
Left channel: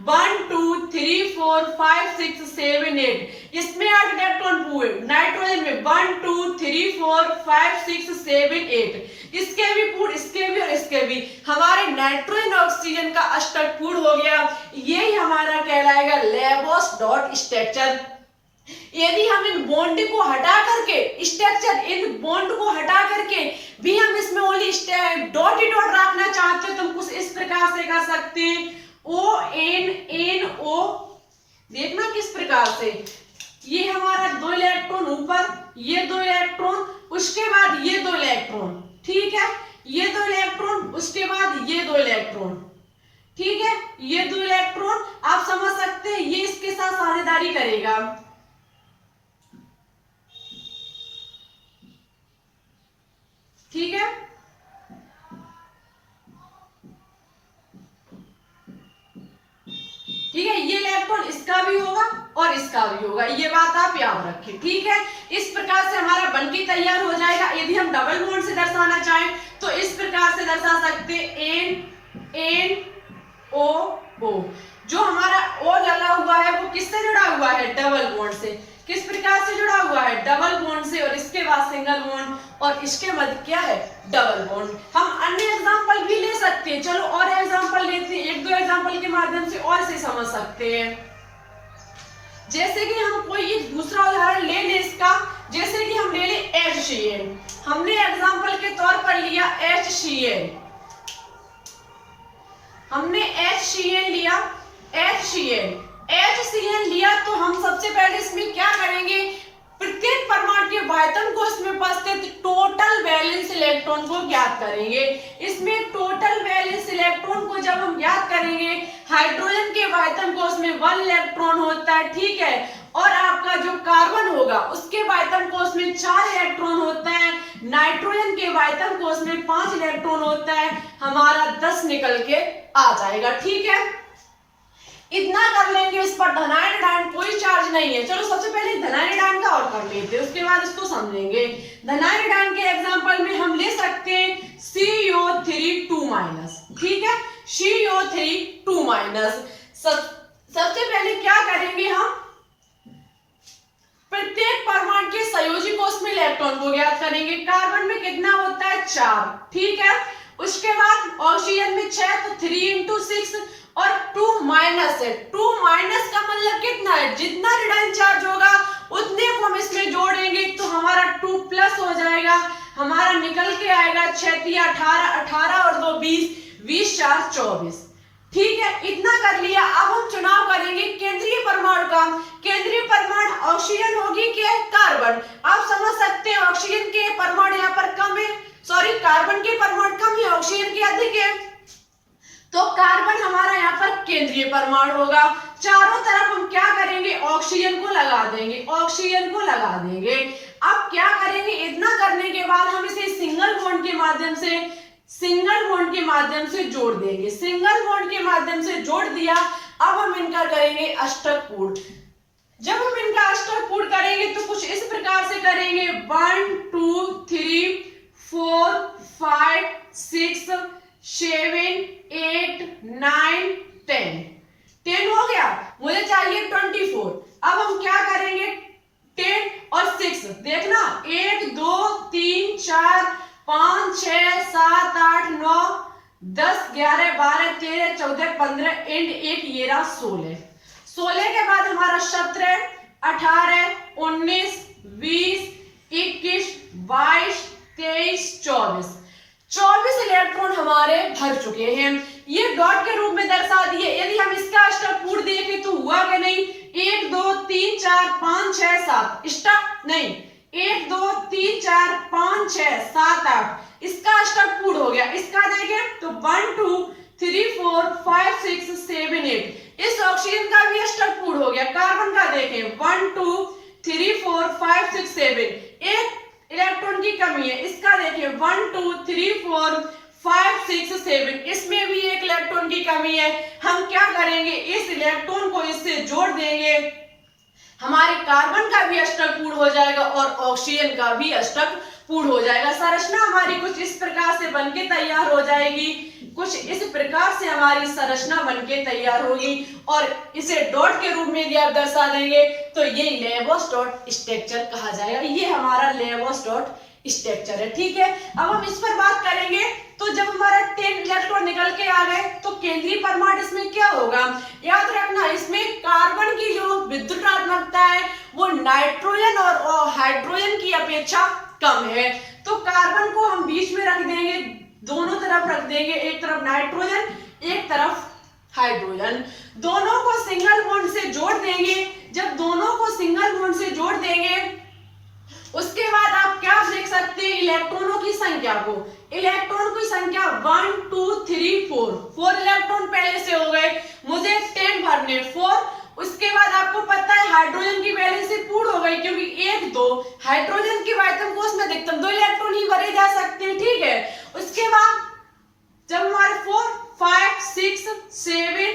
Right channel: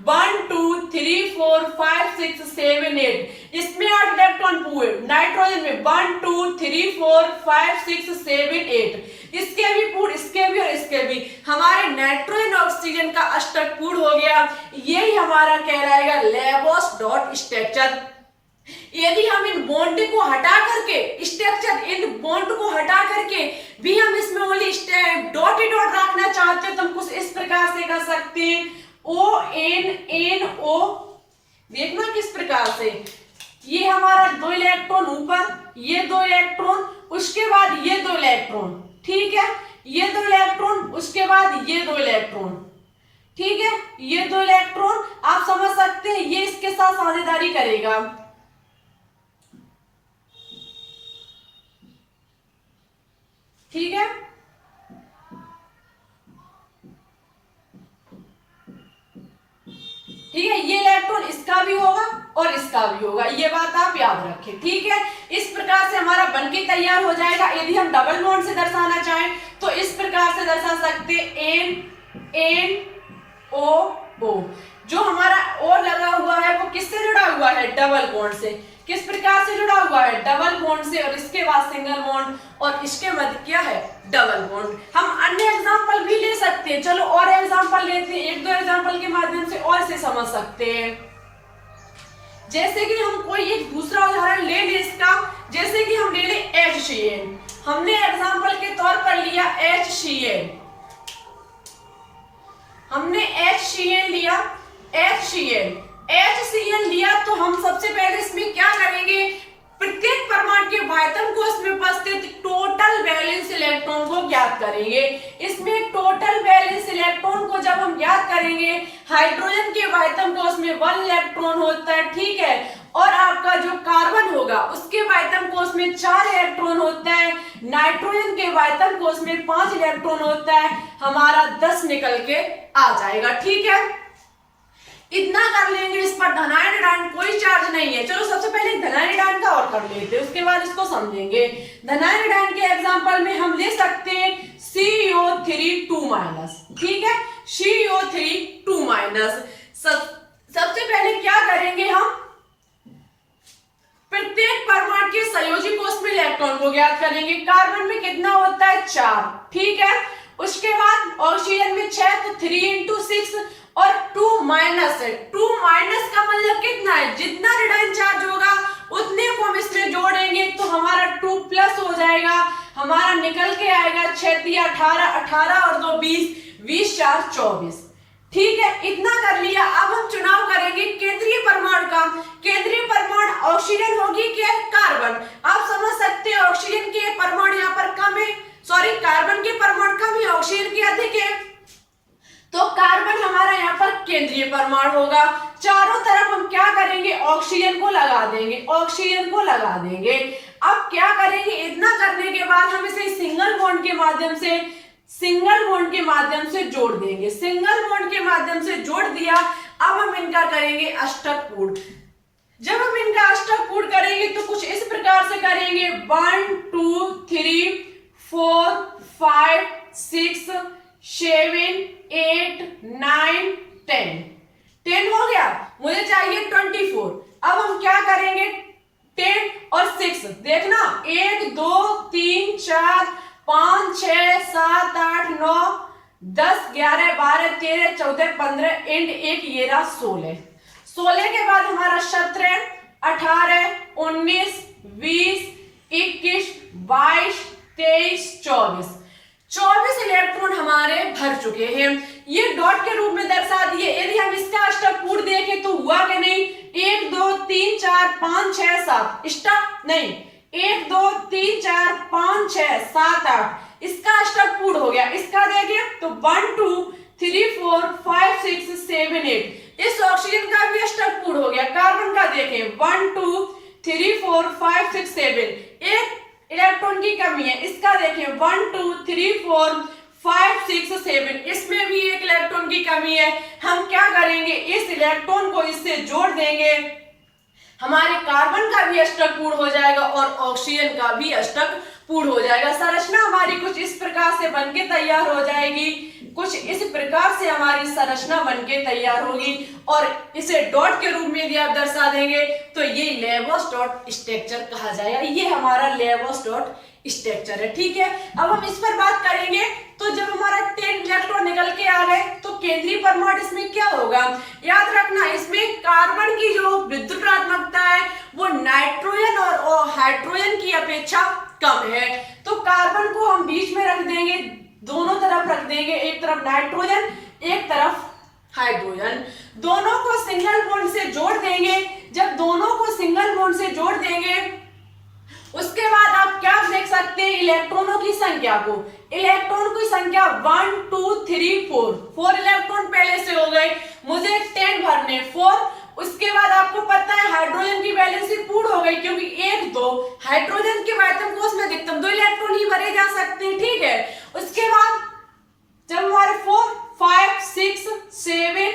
1 2 3 4 5 6 7 8, इसमें 8 इलेक्ट्रॉन पूरे, नाइट्रोजन में 1 2 3 4 5 6 7 8, इसके भी पूर्ण, इसके भी और इसके भी। हमारे नाइट्रोजन ऑक्सीजन का अष्टक पूर्ण हो गया। यही हमारा कहलाएगा लेबोस डॉट स्ट्रक्चर। यदि हम इन बॉन्ड को हटा करके स्ट्रक्चर, इन बॉन्ड को हटा करके भी हम इसमें ओनली डॉट ही डॉट रखना चाहते हैं तो हम कुछ इस प्रकार से कर सकते हैं, ONNO। देखना किस प्रकार से, ये हमारा 2 इलेक्ट्रॉन ऊपर, ये 2 इलेक्ट्रॉन, उसके बाद ये 2 इलेक्ट्रॉन। ठीक है, ये 2 इलेक्ट्रॉन, उसके बाद ये 2 इलेक्ट्रॉन। ठीक है, ये 2 इलेक्ट्रॉन आप समझ सकते हैं, ये इसके साथ साझेदारी करेगा। ठीक है, ठीक है, ये इलेक्ट्रॉन इसका भी होगा और इसका भी होगा, ये बात आप याद रखें। ठीक है, इस प्रकार से हमारा बनके तैयार हो जाएगा। यदि हम डबल बॉन्ड से दर्शाना चाहें तो इस प्रकार से दर्शा सकते NO। जो हमारा O लगा हुआ है वो किससे जुड़ा हुआ है? डबल बॉन्ड से। किस प्रकार से जुड़ा हुआ है? डबल बॉन्ड से, और इसके बाद सिंगल बॉन्ड, और इसके मध्य क्या है? Double bond. हम अन्य एग्जांपल भी ले सकते हैं, चलो और एग्जांपल लेते हैं, एक दो एग्जांपल के माध्यम से और से समझ सकते हैं। जैसे कि हम कोई एक दूसरा उदाहरण ले ले इसका, जैसे कि हम ले ले HCl। हमने एग्जांपल के तौर पर लिया HCl, हमने HCl लिया, HCl लिया तो हम सबसे पहले इसमें क्या करेंगे? प्रत्येक परमाणु के बाह्यतम कोश में उपस्थित टोटल वैलेंस इलेक्ट्रॉन को ज्ञात करेंगे। इसमें टोटल वैलेंस इलेक्ट्रॉन को जब हम ज्ञात करेंगे, हाइड्रोजन के बाह्यतम कोश में 1 इलेक्ट्रॉन होता है, ठीक है, और आपका जो कार्बन होगा उसके बाह्यतम कोश में 4 इलेक्ट्रॉन होता है, नाइट्रोजन के बाह्यतम कोश में 5 इलेक्ट्रॉन होता है, हमारा 10 निकल के आ जाएगा। ठीक है, इतना कर लेंगे। इस पर धनायन आयन कोई चार्ज नहीं है। चलो सबसे पहले धनायन आयन का और कर लेते हैं, उसके बाद इसको समझेंगे। धनायन आयन के एग्जांपल में हम ले सकते हैं CO3 2-, ठीक है, CO3 2-। सबसे पहले क्या करेंगे? हम प्रत्येक परमाणु के संयोजी कोश में इलेक्ट्रॉन को ज्ञात करेंगे। कार्बन में कितना होता है? 4, ठीक है। उसके बाद ऑक्सीजन में 6, तो 3 × 6, और 2- है। 2- का मतलब कितना है? जितना ऋणात्मक चार्ज होगा उतने को हम इसमें जोड़ेंगे तो हमारा 2+ हो जाएगा। हमारा निकल के आएगा 6 × 18, 18 और 2 20, 20 × 4 24। ठीक है, इतना कर लिया। अब हम चुनाव करेंगे केंद्रीय परमाणु का। केंद्रीय परमाणु ऑक्सीजन होगी क्या? कार्बन। आप समझ सकते हैं ऑक्सीजन के परमाणु यहाँ पर कम है, सॉरी कार्बन के परमाणु कम है, ऑक्सीजन के अधिक है, तो कार्बन हमारा यहाँ पर केंद्रीय परमाणु होगा। चारों तरफ हम क्या करेंगे? ऑक्सीजन को लगा देंगे, ऑक्सीजन को लगा देंगे। अब क्या करेंगे? इतना करने के बाद हम इसे सिंगल बॉन्ड के माध्यम से जोड़ देंगे। सिंगल बॉन्ड के माध्यम से जोड़ दिया। अब हम इनका करेंगे अष्टक पूर्ण। जब हम इनका अष्टक पूर्ण करेंगे तो कुछ इस प्रकार से करेंगे 1 2 3 4 5 6 7 8 9 10 हो गया। मुझे चाहिए 24। अब हम क्या करेंगे? 10 और 6 देखना, 1 2 3 4 5 6 7 8 9 10 11 12 13 14 15 एंड 1 ये रहा 16। 16 के बाद हमारा 17 18 19 20 21 22 23 24 इलेक्ट्रॉन हमारे भर चुके हैं। ये डॉट के रूप में दर्शा दिए। यदि हम इसका अष्टक पूर्ण देखें तो हुआ कि नहीं? 1 2 3 4 5 6 7 स्टॉप नहीं, 1 2 3 4 5 6 7 8 इसका अष्टक पूर्ण हो गया। इसका देखें तो 1 2 3 4 5 6 7 8 इस ऑक्सीजन का भी अष्टक पूर्ण हो गया। कार्बन का देखें 1 2 3 4 5 6 7 एक इलेक्ट्रॉन की कमी है। इसका देखिए 1 2 3 4 5 6 7 इसमें भी एक इलेक्ट्रॉन की कमी है। हम क्या करेंगे? इस इलेक्ट्रॉन को इससे जोड़ देंगे, हमारे कार्बन का भी अष्टक पूर्ण हो जाएगा और ऑक्सीजन का भी अष्टक पूर्ण हो जाएगा। संरचना हमारी कुछ इस प्रकार से बनके तैयार हो जाएगी। कुछ इस प्रकार से हमारी संरचना बनके तैयार होगी और इसे डॉट के रूप में भी आप दर्शा देंगे तो ये लेबोस डॉट स्ट्रक्चर कहा जाएगा। ये हमारा लेबोस डॉट स्ट्रक्चर है। ठीक है, अब हम इस पर बात करेंगे। तो जब हमारा 10 इलेक्ट्रॉन निकल के आ गए तो केंद्रीय परमाणु इसमें क्या होगा? याद रखना, इसमें कार्बन की जो विद्युत ऋणात्मकता है वो नाइट्रोजन और हाइड्रोजन की अपेक्षा कम है। तो कार्बन को हम बीच में रख देंगे, दोनों तरफ रख देंगे, एक तरफ नाइट्रोजन एक तरफ हाइड्रोजन। दोनों को सिंगल बॉन्ड से जोड़ देंगे। जब दोनों को सिंगल बॉन्ड से जोड़ देंगे उसके बाद आप क्या देख सकते हैं? इलेक्ट्रॉनों की संख्या को, इलेक्ट्रॉन की संख्या 1 2 3 4 इलेक्ट्रॉन पहले से हो गए। मुझे 10 भरने, 4 उसके बाद आपको पता है हाइड्रोजन की वैलेंसी पूर्ण हो गई, क्योंकि 1 2 हाइड्रोजन के आयतन कोष में अधिकतम 2 इलेक्ट्रॉन ही भरे जा सकते हैं, ठीक है। उसके बाद जब हमारे 4 5 6 7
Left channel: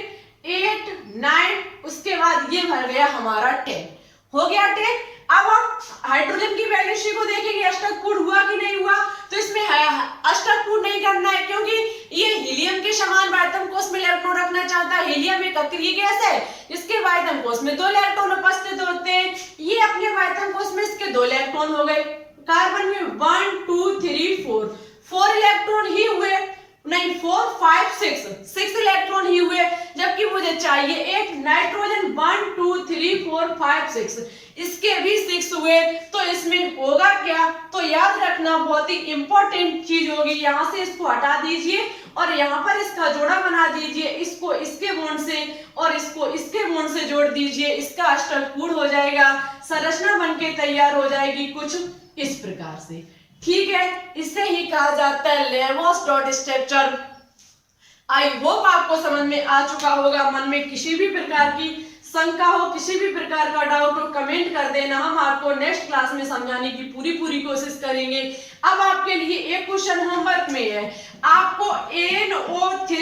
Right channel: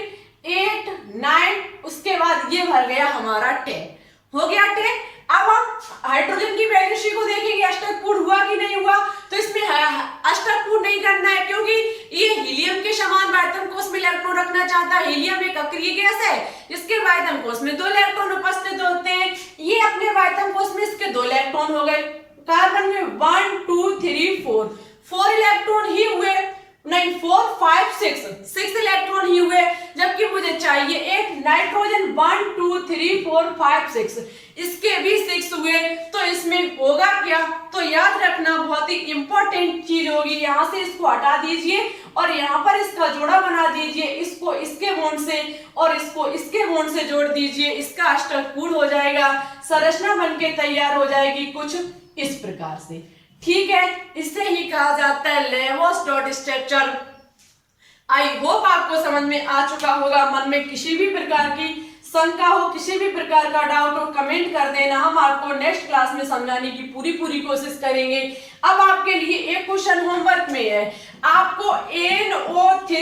8 9, उसके बाद ये भर गया हमारा 10, हो गया 10। अब हम हाइड्रोजन की वैलेंसी को देखेंगे अष्टक पूर्ण हुआ कि नहीं हुआ। तो इसमें अष्टक पूर्ण नहीं करना है, क्योंकि ये हीलियम के समान आयतन कोष में इलेक्ट्रॉन रखना चाहता है। हीलियम एक अक्रिय गैस है, इसके आयतन कोष में 2 इलेक्ट्रॉन उपस्थित होते हैं। ये अपने आयतन कोष में इसके 2 इलेक्ट्रॉन हो गए। कार्बन में 1 2 3 4 इलेक्ट्रॉन ही हुए, नहीं 4 5 6 इलेक्ट्रॉन ही हुए, जबकि मुझे चाहिए एक नाइट्रोजन 1 2 3 4 5 6, इसके भी 6 हुए। तो इसमें होगा क्या, तो याद रखना बहुत ही इंपॉर्टेंट चीज होगी। यहां से इसको हटा दीजिए और यहाँ पर इसका जोड़ा बना दीजिए, इसको इसके बॉन्ड से और इसको इसके बॉन्ड से जोड़ दीजिए, इसका अष्टक पूर्ण हो जाएगा। संरचना बनके तैयार हो जाएगी कुछ इस प्रकार से, ठीक है। इसे ही कहा जाता है लेवोस डॉट स्ट्रक्चर। आई होप आपको समझ में आ चुका होगा। मन में किसी भी प्रकार की शंका हो, किसी भी प्रकार का डाउट हो, कमेंट कर देना, हम आपको नेक्स्ट क्लास में समझाने की पूरी कोशिश करेंगे। अब आपके लिए एक क्वेश्चन होमवर्क में है, आपको NO3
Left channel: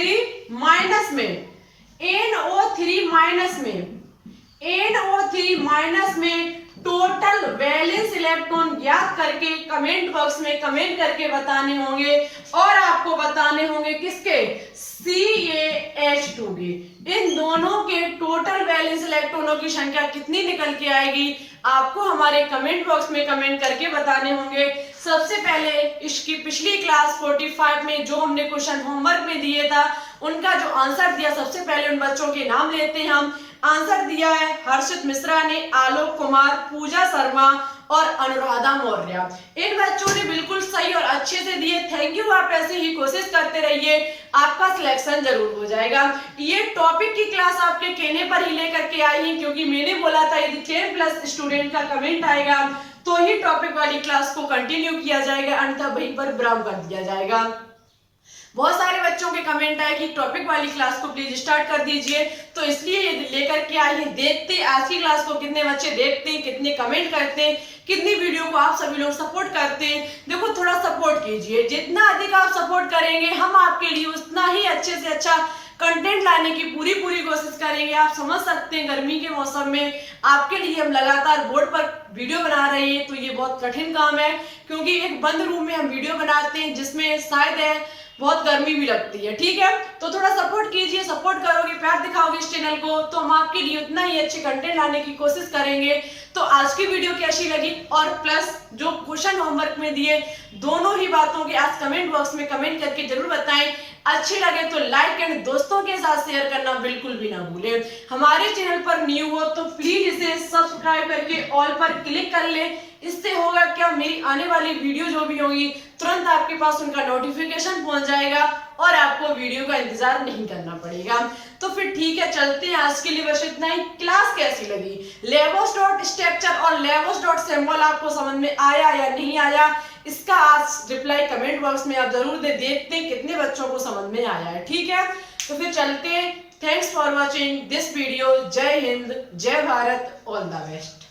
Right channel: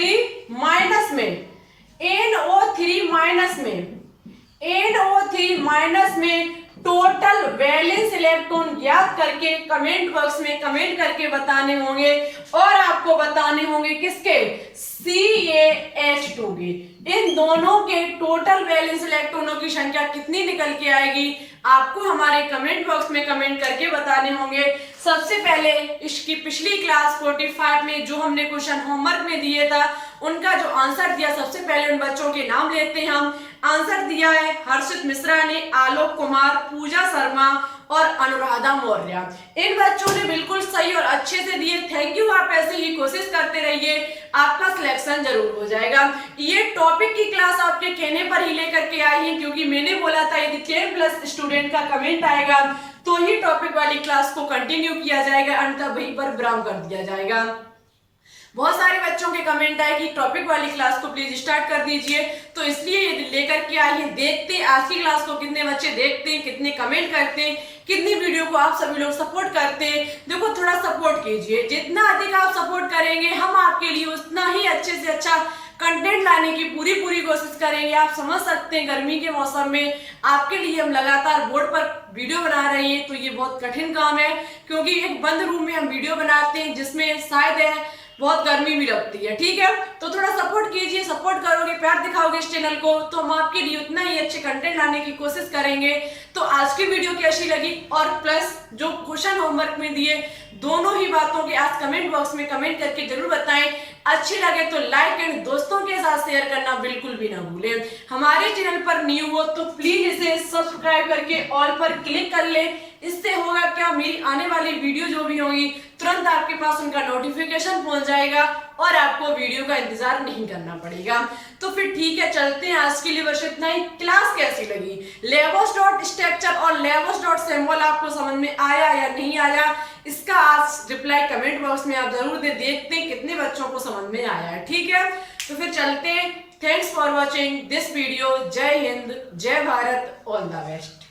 माइनस में टोटल वैलेंस इलेक्ट्रॉन ज्ञात करके कमेंट बॉक्स में कमेंट करके बताने होंगे, और आपको बताने होंगे किसके, CaH2 के। इन दोनों के टोटल वैलेंस इलेक्ट्रॉनों की संख्या कितनी निकल के आएगी, आपको हमारे कमेंट बॉक्स में कमेंट करके बताने होंगे। सबसे पहले इसकी पिछली क्लास 45 में जो हमने क्वेश्चन होमवर्क में दिए था, उनका जो आंसर दिया, सबसे पहले उन बच्चों के नाम लेते हैं हम। आंसर दिया है हर्षित मिश्रा ने, आलोक कुमार, पूजा शर्मा और अनुराधा मौर्य। इन बच्चों ने बिल्कुल सही और अच्छे से दिए, थैंक यू। आप ऐसे ही कोशिश करते रहिए, आपका सिलेक्शन जरूर हो जाएगा। ये टॉपिक की क्लास आपके कहने पर ही लेकर के आई है, क्योंकि मैंने बोला था यदि 10+ स्टूडेंट का कमेंट आएगा तो ही टॉपिक वाली क्लास को कंटिन्यू किया जाएगा, अन्यथा वहीं पर विराम कर दिया जाएगा। बहुत सारे बच्चों के कमेंट आए कि टॉपिक वाली क्लास को प्लीज स्टार्ट कर दीजिए, तो इसलिए ये लेकर के आई हैं। देखते आज की क्लास को कितने बच्चे देखते हैं, कितने कमेंट करते हैं, कितनी वीडियो को आप सभी लोग सपोर्ट करते हैं। देखो थोड़ा सपोर्ट कीजिए, जितना अधिक आप सपोर्ट करेंगे हम आपके लिए उतना ही अच्छे से अच्छा कंटेंट लाने की पूरी कोशिश करेंगे। आप समझ सकते हैं गर्मी के मौसम में आपके लिए हम लगातार बोर्ड पर वीडियो बना रहे हैं, तो ये बहुत कठिन काम है, क्योंकि एक बंद रूम में हम वीडियो बनाते हैं जिसमें शायद है बहुत गर्मी भी लगती है, ठीक है। तो थोड़ा सपोर्ट कीजिए, सपोर्ट करोगे, प्यार दिखाओगे इस चैनल को, तो हम आपके लिए उतना ही अच्छे कंटेंट लाने की कोशिश करेंगे। तो आज की वीडियो कैसी लगी, और प्लस जो क्वेश्चन होमवर्क में दिए, दोनों ही बातों के आज कमेंट बॉक्स में कमेंट करके जरूर बताएं। अच्छी लगे तो लाइक एंड दोस्तों के साथ शेयर करना बिल्कुल भी ना भूलें। हमारे चैनल पर न्यू हो तो प्लीज इसे सब्सक्राइब करके ऑल पर क्लिक कर ले। इससे होगा क्या, मेरी आने वाली वीडियो जो भी होगी तुरंत आपके पास उनका नोटिफिकेशन पहुंच जाएगा और आपको वीडियो का इंतजार नहीं करना पड़ेगा। तो फिर ठीक है, चलते हैं। आज के लिए बस इतना ही। क्लास कैसी लगी, लेवोस डॉट स्ट्रक्चर और लेवोस डॉट सिंबल आपको समझ में आया या नहीं आया, इसका आज रिप्लाई कमेंट बॉक्स में आप जरूर दे। देखते हैं कितने बच्चों को समझ में आया है, ठीक है। तो फिर चलते हैं। Thanks for watching this video. जय हिंद, जय भारत, ऑल द बेस्ट।